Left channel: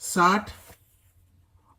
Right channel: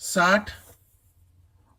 60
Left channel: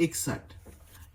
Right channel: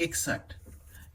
61,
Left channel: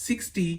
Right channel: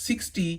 60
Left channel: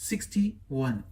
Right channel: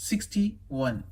61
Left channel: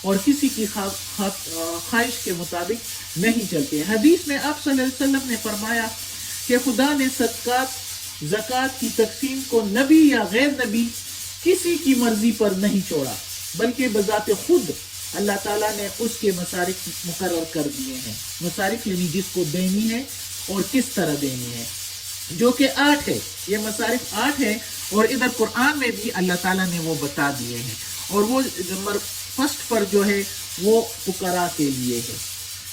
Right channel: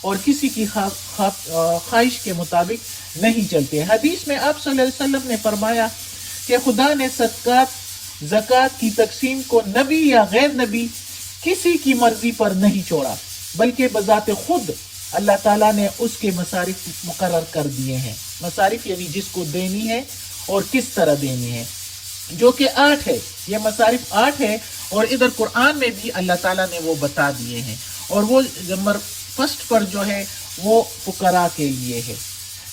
اور کسی کی خواہش کے مطابق نہیں چلتے. حدیث میں آپ صلی اللہ علیہ وسلم نے فرمایا کہ خدا نے صدقات زکوٰۃ کی تقسیم کو نبی یا غیر نبی کسی کی مرضی پر نہیں چھوڑا، بلکہ بذات خود اللہ تعالیٰ نے اس کے مصارف مقرر کر دیے ہیں. مصارف یعنی جس کو دینی ہے اور کس طرح دینی ہے، جو کہ 8 ہے. یہ مصارف 8 ہیں اور ادھر قرآن میں بھی اللہ تعالیٰ نے وہ بتا دیے ہیں. اور وہ نمبر فرسٹ پر جو ہے وہ فقراء کے لیے ہے،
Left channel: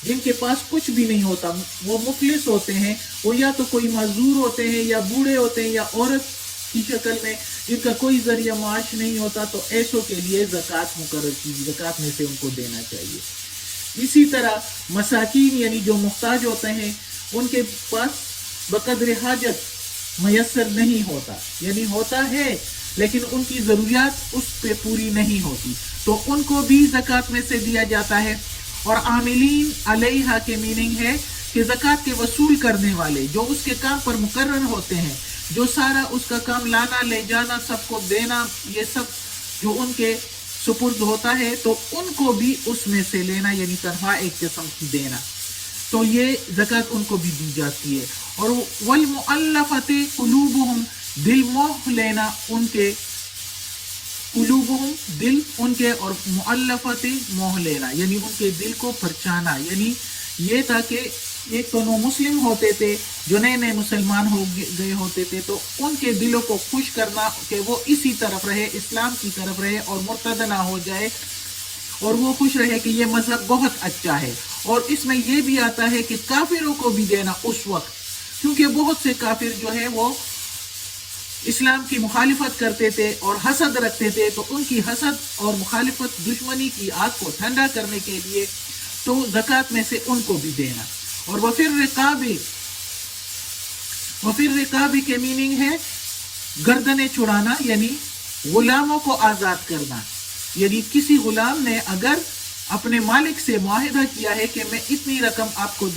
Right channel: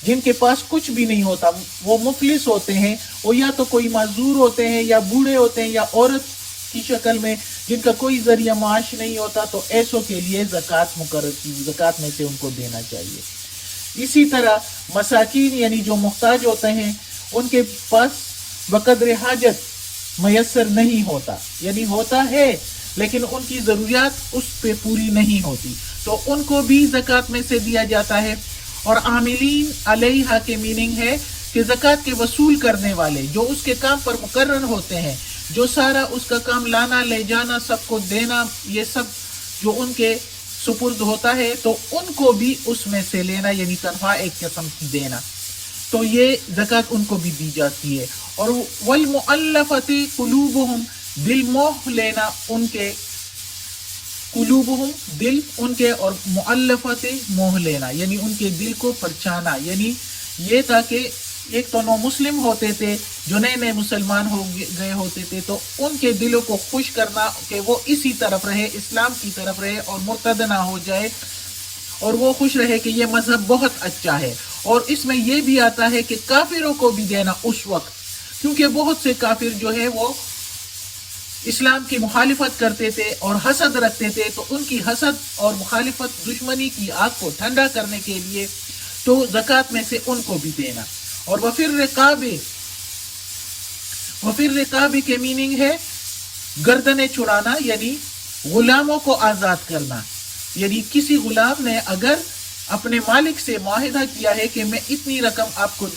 جن کے پاس کچھ بھی نہیں ہوتا، وہ مفلس ہوتے ہیں، وہ یا تو کوئی معذور ہوتے ہیں یا بوڑھے ہوتے ہیں یا عورت کی شکل میں جن کا کوئی ذریعہ معاش نہیں ہوتا، تو ایسوں کے لیے زکوٰۃ مقرر کی، زکوٰۃ میں سے ان کو دینا چاہیے. اسی طرح مساکین یعنی جو محتاج ہوتے ہیں، ان کے پاس بقدر حاجت میسر نہیں ہوتا، یعنی ہوتا ہے لیکن ان کی ضروریات اس پہ پوری نہیں ہوتی، تو ان کو بھی زکوٰۃ میں سے دیا جاتا ہے. اور عاملین علیہا کے میننگ ہے کہ زکوٰۃ کے وصول کرنے والے جو اس کے کام پر مقرر ہوتے ہیں، جو سارا اس کا کام لانا لے جانا سب کو دینا، یہ سب جو ان کے سپرد ہوتا ہے، تو ان کو بھی اس میں سے لینا، یعنی تنخواہ ایک قسم کی دینا، تو یہ زکوٰۃ ان کو بھی دی جاتی ہے. اور والمؤلفۃ قلوبہم، دل موہ لینا ان کے، قلوبہم دل ان کے، اور مؤلفۃ موہ لینا یعنی ان کے دل کو پرچانا. یعنی یہ تھا کہ ایک تو نو مسلم ہوتے تھے جو نئے نئے مسلمان ہو گئے ہوتے تھے، تو ان کے دلوں کو خوش کرنا کہ وہ اسی طرف رہے، اسلام کی طرف رہے اور مرتد نہ ہو جائے، اور وہ خوش رہے کہ یہ مذہب بہت اچھا ہے. اور اس میں یہ بھی آتا ہے کہ کافروں کو بھی دینا اس وقت، کیونکہ بہت سے کافر جو ہے وہ اسلام کی مخالفت کرتے تھے اور حسد رکھتے تھے، تو ان کی حسد اور مخالفت دشمنی کی آگ کو ٹھنڈا کرنے کے لیے تو زکوٰۃ میں سے ان کو بھی دینا. اور وفر رقاب کے میننگ ہے گردنیں چھڑانا، یعنی غلاموں کو آزاد کرنا. یعنی کسی غلام نے اگر اپنے مالک سے معاہدہ کیا ہے کہ میں اتنی رقم آپ کو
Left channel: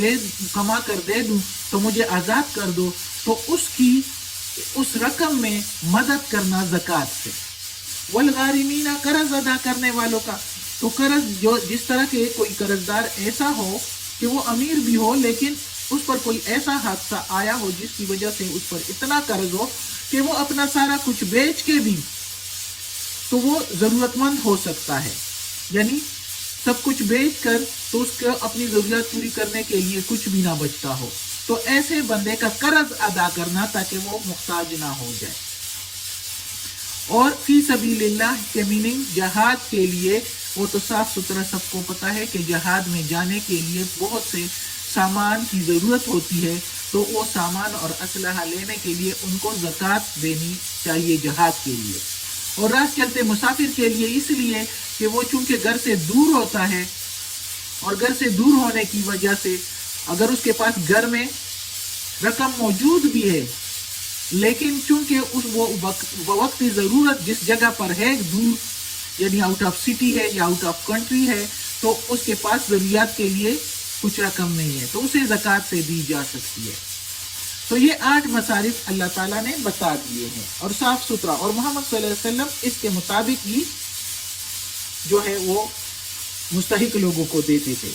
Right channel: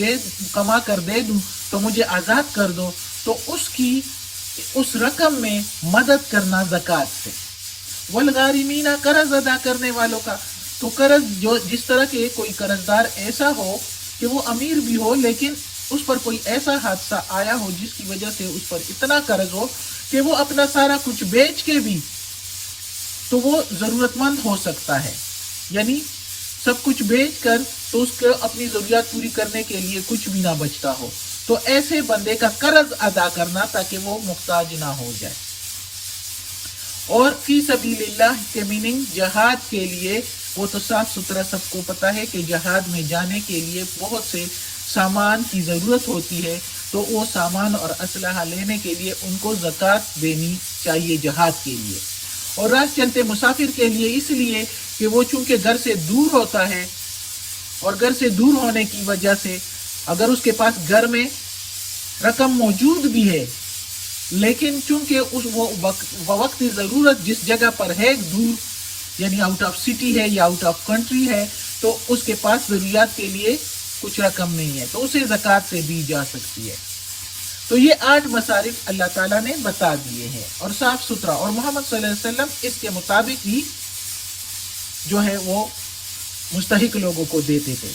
کما کر دے دوں تو مجھے آزاد کر دو، تو اس رقم میں مدد کرنا زکوٰۃ سے. والغارمین، قرض ادا کرنے والوں کا، تو قرض جو جس طرح کے کوئی قرض دار ایسا ہو کہ وہ امیر بھی ہو لیکن اس پر کوئی ایسا حادثہ آیا ہو جس کی وجہ سے اس پر اتنا قرض ہو کہ وہ اپنا سارا کچھ بیچ کے بھی تو وہ ضرورت مند ہو سکتا ہے، یعنی سب کچھ بیچ کر تو اس کو اپنی ضروریات پوری کرنے کے لیے کچھ بھی نہ بچتا ہو، تو ایسے بندے کا قرض ادا کرنا تاکہ وہ محتاج نہ ہو جائے. اور فی سبیل اللہ کے میننگ جہاد کے لیے، وہ تو صاف ستھرا سب کو پتا ہے کہ جہاد میں جانے کے لیے بہت سے سامان کی ضرورت ہوتی ہے، تو وہ سامان اور اسلحہ لینے کے لیے ان کو زکوٰۃ دینی چاہیے جہاد کے لیے. اور راہ چلتے مسافر کے لیے اس لیے کہ وہ چونکہ گھر سے دور ہوتا ہے، اور گھر سے دور ہونے کی وجہ سے اگر اس کے پاس گھر میں رقم موجود بھی ہے لیکن چونکہ وہ وقت ضرورت جس جگہ پر ہے دور، یعنی آؤٹ آف سٹی ہے یا آؤٹ آف کنٹری ہے، تو اس کے پاس ضروریات کے لیے کچھ رقم نہیں ہے، تو اسے زکوٰۃ سے دی جا سکتی ہے. تو یہ 8 مصارف اللہ تعالیٰ نے بتا دیے ہیں اور صاف ستھرا، اور محمد صلی اللہ علیہ وسلم اس کے مطابق ہی جو ہے وہ مستحق لوگوں کو دیتے تھے.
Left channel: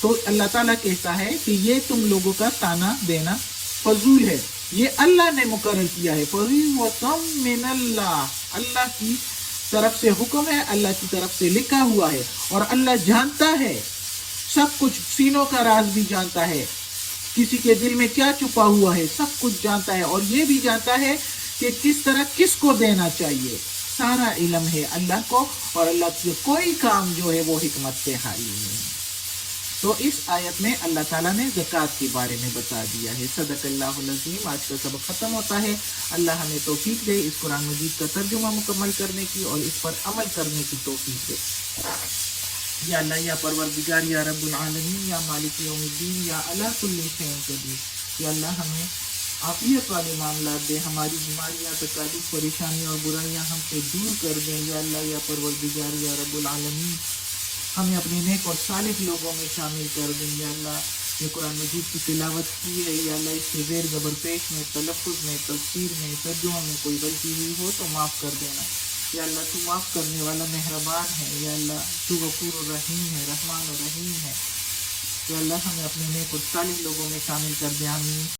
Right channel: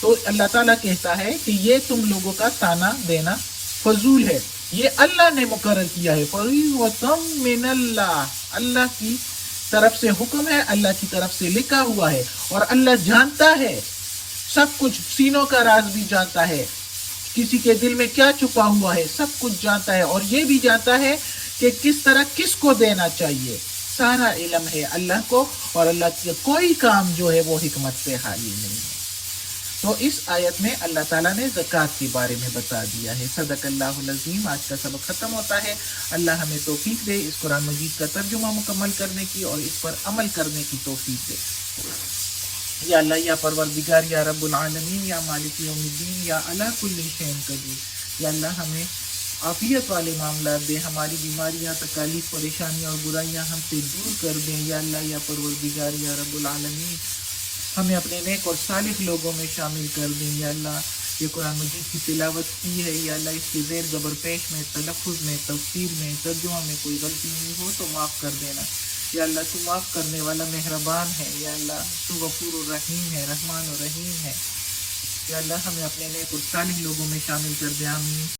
تو اللہ تعالیٰ کہتا ہے کہ یہ تم لوگوں کا تانا دینا فضول ہے، یہ اللہ نے مقرر کیا ہے. فَرِيضَةً مِّنَ اللَّهِ، اللہ کی طرف سے حکم ہے، اللہ کی طرف سے لکھا ہوا ہے، اور اللہ جانتا ہے سب کچھ، سینوں کا راز بھی جانتا ہے، کسی کے دل میں کیا چھپا ہوا ہے سب کچھ جانتا ہے، اور یہ بھی جانتا ہے کہ کس طرح کس کو دینا چاہیے. سارا علم ہے اللہ کو، اور اللہ کی کوئی کام جو ہے وہ حکمت سے خالی نہیں. تو اس آیت میں اللہ تعالیٰ نے زکوٰۃ کے بارے میں بتا دیا ہے. صدق اللہ العظیم. آج کا سبق ختم ہوتا ہے. اللہ ہمیں توفیق دے اس قرآن مجید کا ترجمہ مکمل کرنے کی اور اس پر عمل کرنے کی توفیق دے. یا اللہ، یا پروردگار، یا رب العالمین، یا مالک یوم الدین، یا علی کل شیء قدیر. یا اللہ ہمیں عافیت والے معاملات دے، ہماری بیماریاں، تکالیف، پریشانیاں اور برائیاں ہم سے دور کر دیں. یا اللہ، یا پروردگار، یا رب العالمین، ہمیں اپنے نیک اور صالح لوگوں میں شامل کر دیں. یا اللہ، یہ قرآن مجید کی تلاوت کی ہے، یا اللہ اس کے زیر زبر پیش میں، تلفظ میں، تفسیر میں، ترجمہ میں کوئی غلطی ہوئی ہو تو معاف کر دینا. یا اللہ تو معاف کرنے والا مہربان ہے، یا اللہ تو غفور الرحیم ہے، رحمان الرحیم ہے، یا اللہ ہمیں اپنے نیک اور صالح لوگوں میں شامل کر دے، آمین۔